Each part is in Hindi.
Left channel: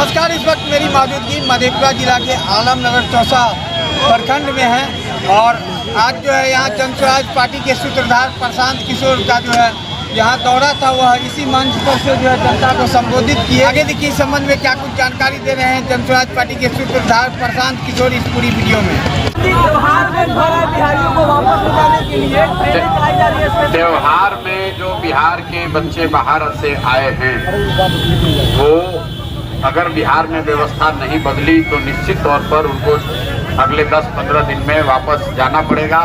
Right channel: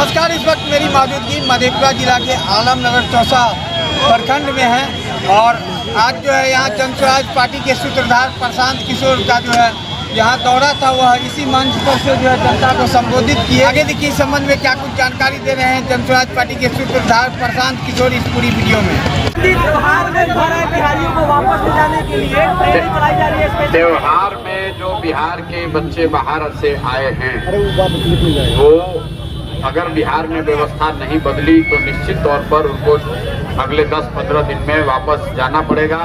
नमस्कार। इस वक्त मेरी मौजूदगी मधेपुरा जिला के आलमनगर चौसा प्रखंड में है और आज जो है यहाँ जन स्वराज पार्टी के सूत्रधार प्रशांत किशोर का जो है यहाँ दौरा था, वह इसी मंच पर से जो है जनता को संबोधित किए। आगे देखिए इस संबंध में क्या कुछ जानकारी दे रहे हैं जन स्वराज पार्टी के सूत्रधार प्रशांत किशोर इस पूरी वीडियो में। त्योहार में जो बिहार के बच्चे बाहर से आए हैं वो अगर बिहार में व्यवस्था नहीं बदली तो निश्चित तौर पर उनको अगले 10-15 दिन में वापस जाना पड़ेगा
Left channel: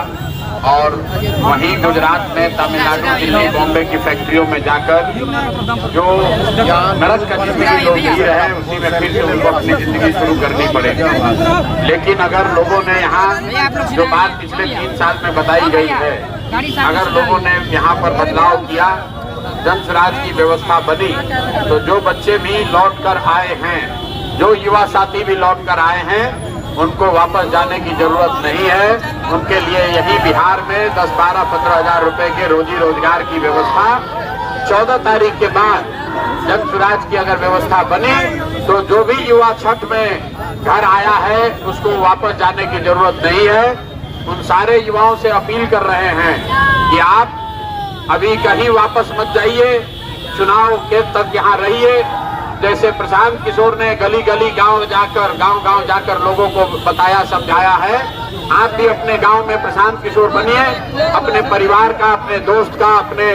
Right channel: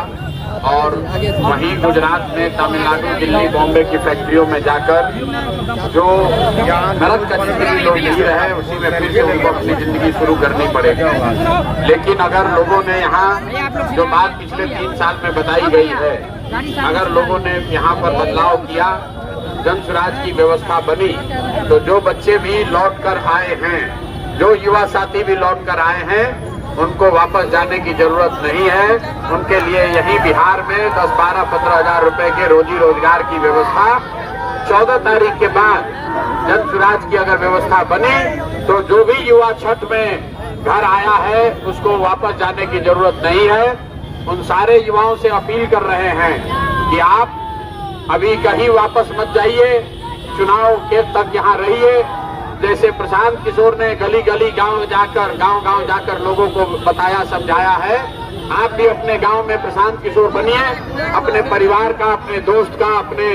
और वहीं गुजरात में, तमिलनाडु, दिल्ली, बॉम्बे की फैक्ट्रियों में जाकर जो मेहनत करने के लोग हैं उसी में फिर उनको अपनी जिंदगी शुरू करनी पड़ेगी। लेकिन अगर लोगों ने यहाँ जो बात पिछले 3 साल में बताई गई है, अगर लोगों ने यहाँ पर बदलाव किया, जन स्वराज की व्यवस्था बनी, तो जो बच्चे भी लौट कर आए हैं, जो युवा साथी भी लौट कर आए हैं, उनको वापस जाने की जरूरत नहीं है। उनके लिए यही बिहार में 10-12-15 हजार रुपए के रोजी रोजगार की व्यवस्था 14 तारीख के बाद जन स्वराज की अगर व्यवस्था बनी तो जो भी युवा छठ में घर आया है उसको वापस जाने की जरूरत नहीं है। उन सारे युवाओं से अपील कर रहे हैं कि आप अभी कहीं वापस मत जाइए, चुनाव के तक यहाँ रहिए। जैसे प्रशांत किशोर ने गली गली गांव जाकर लोगों को बताया, समझाया है, आप भी अपने गांव में प्रशांत किशोर बनिए। अपने परिवार का, अपने दोस्त का, अपने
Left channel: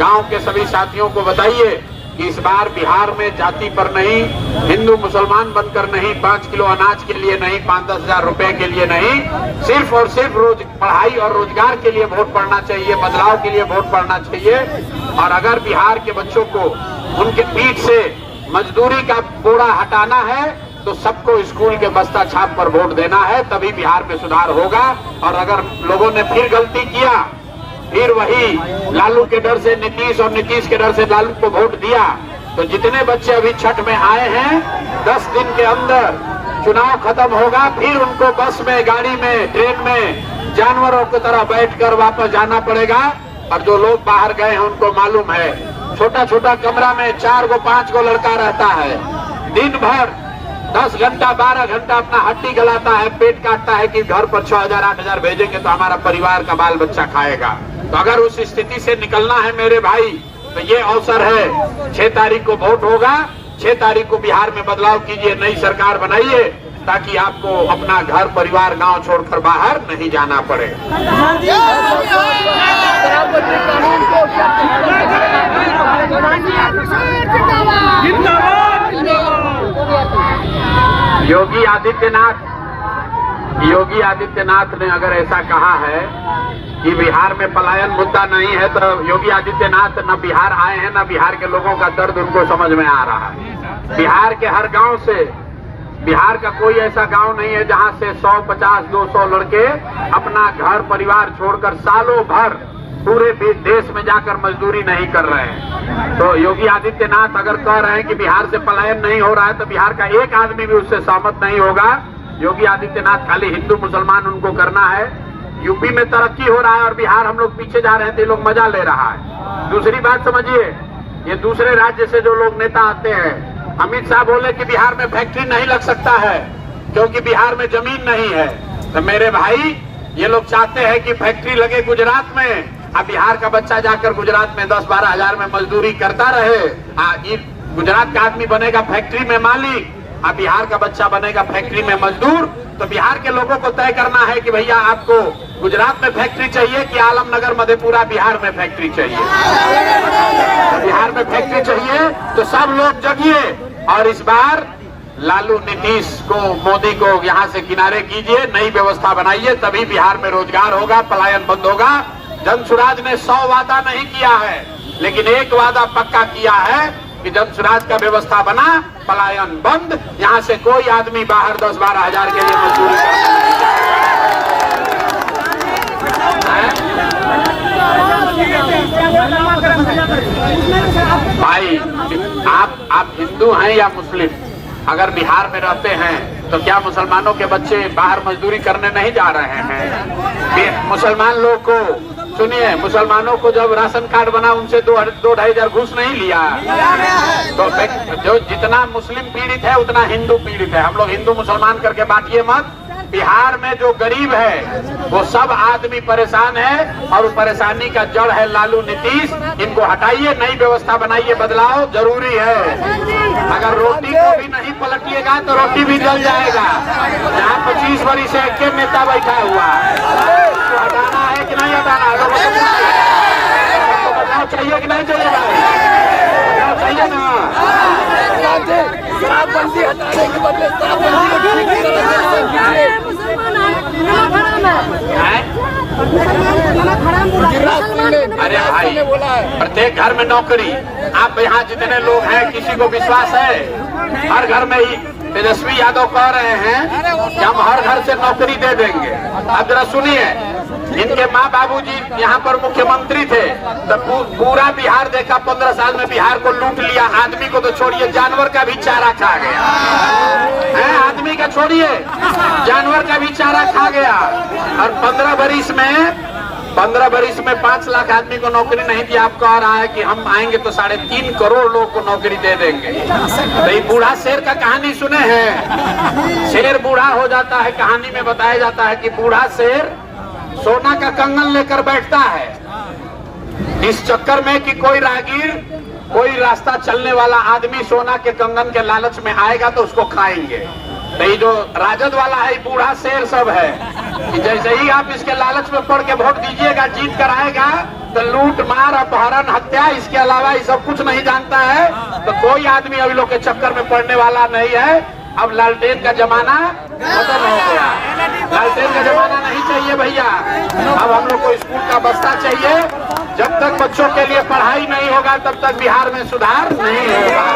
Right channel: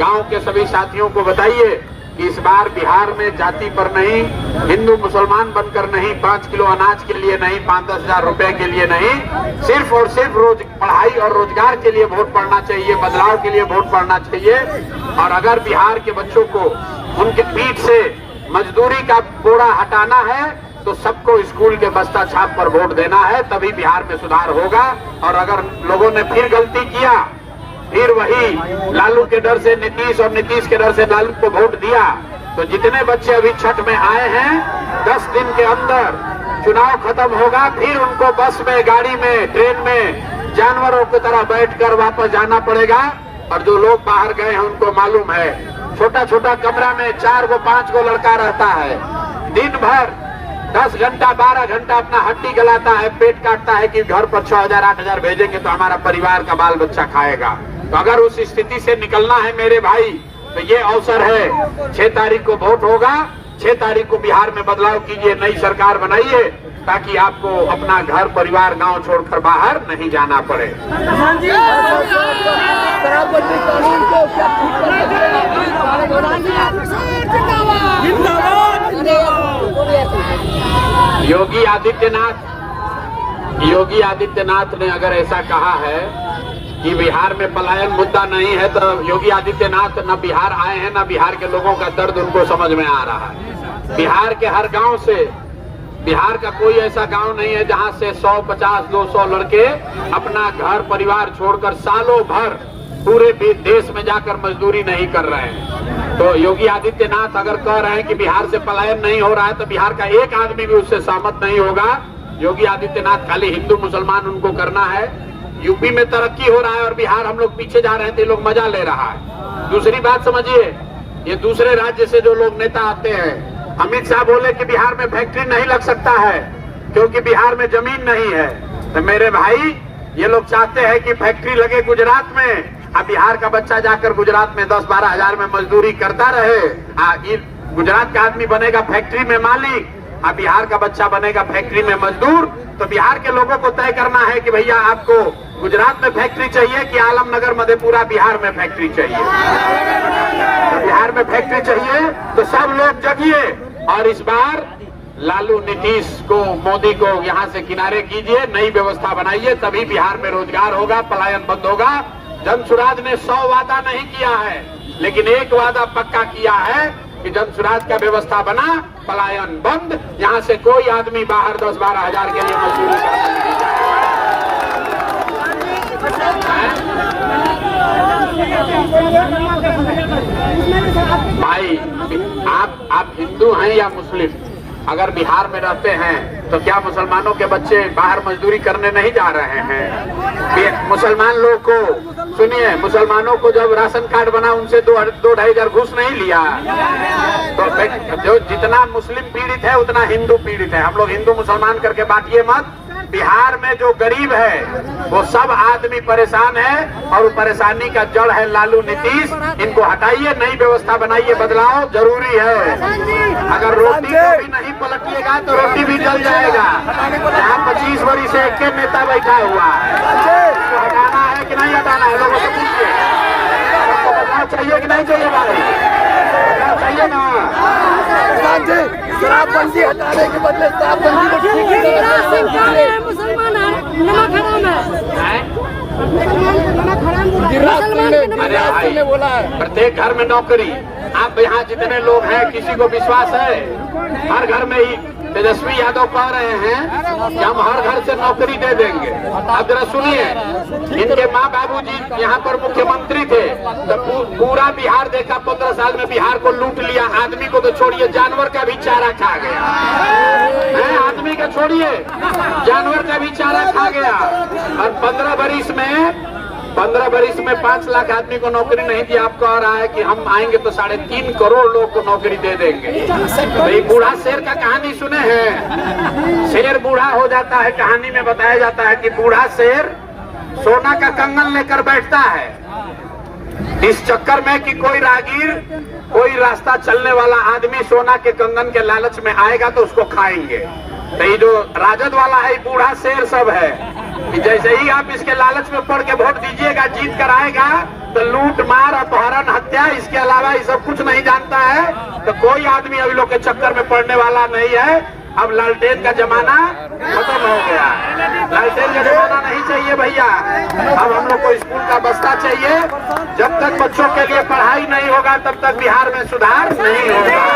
गांव के सभी साथियों को बताइए कि इस बार बिहार में जाति पर नहीं, हिंदू मुसलमान बनकर नहीं, 5 किलो अनाज के लिए नहीं, 5-10 हजार रुपए के लिए नहीं, सिर्फ और सिर्फ पढ़ाई और रोजगार के लिए वोट पड़ना चाहिए, बदलाव के लिए वोट पड़ना चाहिए। और अगर बिहार के बच्चों को उनके पीठ से मजदूरी का बोरा हटाना है तो सबको स्कूल के बस्ता छाप पर वोट देना है, तभी बिहार में सुधार होगा। और अगर लोगों ने फिर गलती किया, फिर वही लालू के डर से नीतीश और नीतीश के डर से लालू को वोट दिया, तो जितने बच्चे अभी छठ में आए हैं 10 दिन के अंदर चुनाव खत्म होगा, फिर उनको बस में, गाड़ी में, ट्रेन में जानवरों की तरह बैठकर वापस जाना पड़ेगा। और जो लोग बाहर गए हैं उनको मालूम है, छोटा छोटा कमरा में 4-5 लड़का रहता है, दिन भर 10 घंटा 12 घंटा अपना हड्डी गलाता है, पेट काटता है कि घर पर 6,000-8,000 भेजेंगे तो हमारा परिवार का बाल बच्चा खाएगा। तो अगर उस स्थिति से निकलना है मेरे भाई, तो ये अवसर है। 6 तारीख को वोट होगा, 6 तारीख को बिहार में बदलाव कीजिए, नई सरकार बनाइए, ताकि आपको अपना घर परिवार गांव छोड़कर बाहर नहीं जाना पड़े। योगी आदित्यनाथ ने अगर ऐसा कहा है कि बिहार में पलायन मुद्दा नहीं है, तो योगी आदित्यनाथ न बिहार आए हैं, न बिहार के लोगों का दर्द उनको समझ में आ रहा है। बिहार के हर गांव से, बिहार का कोई ऐसा गांव नहीं है जहां से 100-50-200 लड़के अपना घर परिवार छोड़कर सालों भर पूरे देश में जाकर मजदूरी नहीं कर रहे हैं। तो योगी आदित्यनाथ अगर कह रहे हैं कि बिहार से पलायन नहीं हो रहा है, तो बिहार का एक आदमी भी उससे सहमत नहीं होगा। योगी आदित्यनाथ खाली हिंदू मुसलमान उनको करना है। यूपी में तरक्की हो रहा है और बिहार हम लोग पीछे जा रहे हैं, तो ये लोग मजा ले रहा है। दूसरी बात समझिए, ये दूसरे राज्य से जो लोग नेता आते हैं, अमित शाह बोले कि बिहार में फैक्ट्री नहीं लग सकता है क्योंकि बिहार में जमीन नहीं है। तो मेरे भाई, ये लोग चाहते हैं कि फैक्ट्री लगे गुजरात में, अब बिहार का बच्चा जाकर गुजरात में 10-12 हजार में मजदूरी करता रहे। गुजरात का आदमी बनेगा फैक्ट्री में मालिक, अब बिहार का बच्चा बनेगा फैक्ट्री में मजदूर। तो बिहार के लोगों को तय करना है कि भैया आपको गुजरात में फैक्ट्री चाहिए कि आलमनगर, मधेपुरा, बिहार में फैक्ट्री चाहिए। बिहार में फैक्ट्री चाहिए तो सब लोग जगिए और इस बार लालू, नीतीश को, मोदी को यहाँ से किनारे कीजिए, नई व्यवस्था बनाइए, तभी बिहार में रोजगार होगा, पलायन बंद होगा। जन स्वराज ने 100 वादा नहीं किया है, लेकिन एक वादा पक्का किया है कि जन स्वराज का व्यवस्था बना, पलायन बंद, यहाँ से कोई आदमी बाहर 10-12 हजार के लिए मजदूरी करने भाई, आप हिंदू हैं या मुस्लिम, अगर बिहार में रहते हैं तो क्या मुसलमानों के बच्चे बाहर मजदूरी करने नहीं जा रहे हैं? मुसलमान लोग को सुनिए, मुसलमानों को जब राशन कार्ड बना उनसे 2-2.5 घूस नहीं लिया। तो जो जितना मुस्लिम पीड़ित है उतना हिंदू पीड़ित है। हम लोग हिंदू मुसलमान करके बांटिए मत। बिहार में जो गरीब है वो सब आदमी परेशान है और परेशानी का जड़ है लालू नीतीश। इनको हटाइए, नई व्यवस्था बनाइए, बदलाव जरूरी है। अगर रोटी को भी नहीं पलटिएगा तो रोटी भी जल जाएगा। यहाँ 25 वर्ष से एक नेता बैठा हुआ है, इसको हटाना है कि नहीं हटाना है? लोगों से पूछिए, सबको बदलाव चाहिए कि नहीं चाहिए भाई? बदलाव चाहिए ना? शराबबंदी हटाने के बदले शराबबंदी को ठीक अरे भाई, प्रत्येक घर में नौकरी। आप यहाँ जितने लोग हैं, किसी को विश्वास है? हर घर में ही तेजस्वी यादव कह रहे हैं कि हम हर घर से नौकरी दे देंगे। अब जरा सुनिए, इनके माँ बाबूजी यहाँ पर मुख्यमंत्री थे तो पूरा बिहार देखा, 15 साल में बिहार को लूट लिया। आदमी को तो छोड़िए, जानवर का भी चारा खा गया है। आदमी का छोड़िए, जानवर का भी चारा खा गया। और 15 बरिस में 5 लाख आदमी को नौकरी नहीं दिया। आप कह रहा है कि हम आएंगे तो 3.5 करोड़ लोग को नौकरी दे देंगे। तो ये बूढ़ा शेर का कहानी सुने हैं? शेर बूढ़ा हो जाता है, कहानी में बताया जाता है कि बूढ़ा शेर सोना का कंगन लेकर बैठता है इस चक्कर में कि कोई राहगीर, कोई रास्ता चलने वाला आदमी सोना के कंगन के लालच में आएगा तो उसको खाएंगे। तो ये जो राजद वाला है, बूढ़ा शेर सब है कि जैसे ही आप इसके लालच में पड़ के वोट दीजिएगा, जीत कर आएगा तो लूट मार, अपहरण, हत्या, इसके अलावा ये सब कुछ नहीं जानता है। तो कोई आदमी अभी लोग के चक्कर में पड़ने वाला नहीं है। अब लालटेन का जमाना खत्म हो गया। लालटेन का जमाना नहीं चाहिए भैया। अब हम लोग को स्कूल का बस्ता चाहिए। जब तक बच्चों के लिए पढ़ाई नहीं होगा तब तक बिहार में सुधार नहीं होगा।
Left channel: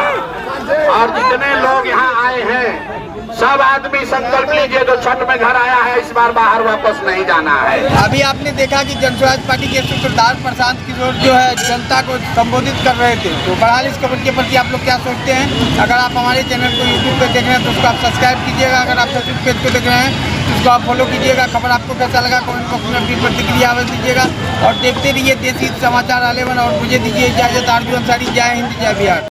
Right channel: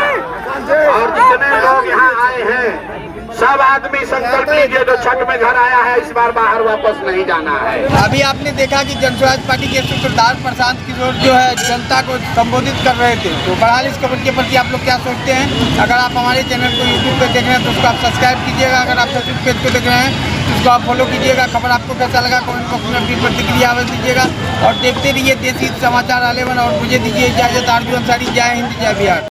और जितने लोग यहाँ आए हैं सब आदमी संकल्प लीजिए, जो छठ में घर आया है इस बार बाहर वापस नहीं जाना है। अभी आपने देखा कि जनस्वराज पार्टी के सूत्रधार प्रशांत किशोर जो है जनता को संबोधित कर रहे थे। तो बहरहाल इस खबर के प्रति आप लोग क्या सोचते हैं? अगर आप हमारे चैनल को यूट्यूब पे देख रहे हैं तो उसको आप सब्सक्राइब कीजिएगा। अगर आप फेसबुक पेज को देख रहे हैं तो उसको आप फॉलो कीजिएगा। खबर आपको कैसा लगा कमेंट बॉक्स में अपनी प्रतिक्रिया दीजिएगा और देखते रहिए देसी समाचार 11 और मुझे दीजिए इजाजत। आरजू अंसारी, जय हिंद, जय बिहार।